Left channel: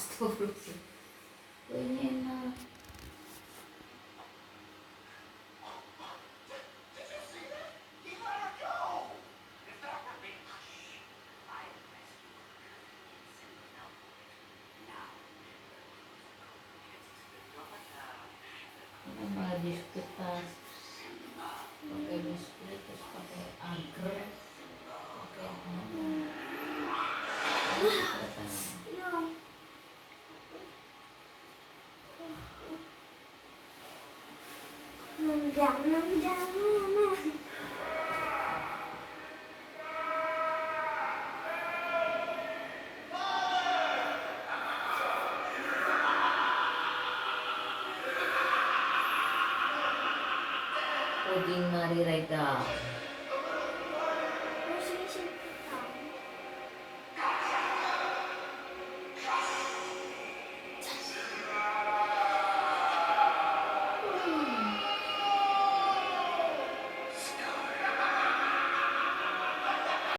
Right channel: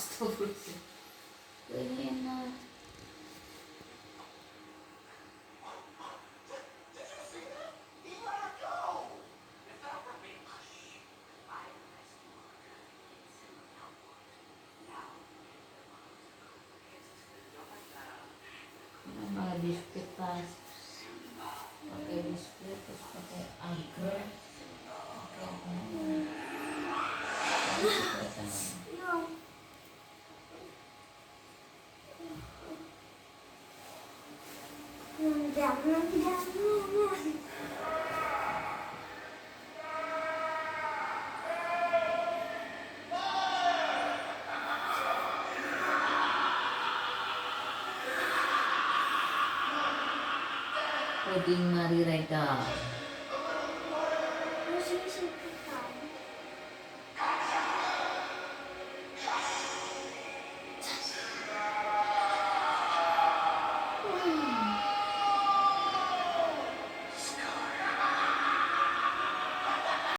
Astagfirullah. Ganyan na. Ano mga biscuit pa? Pakai biskuit, terus pakai anggrek, pakai puding Marirega.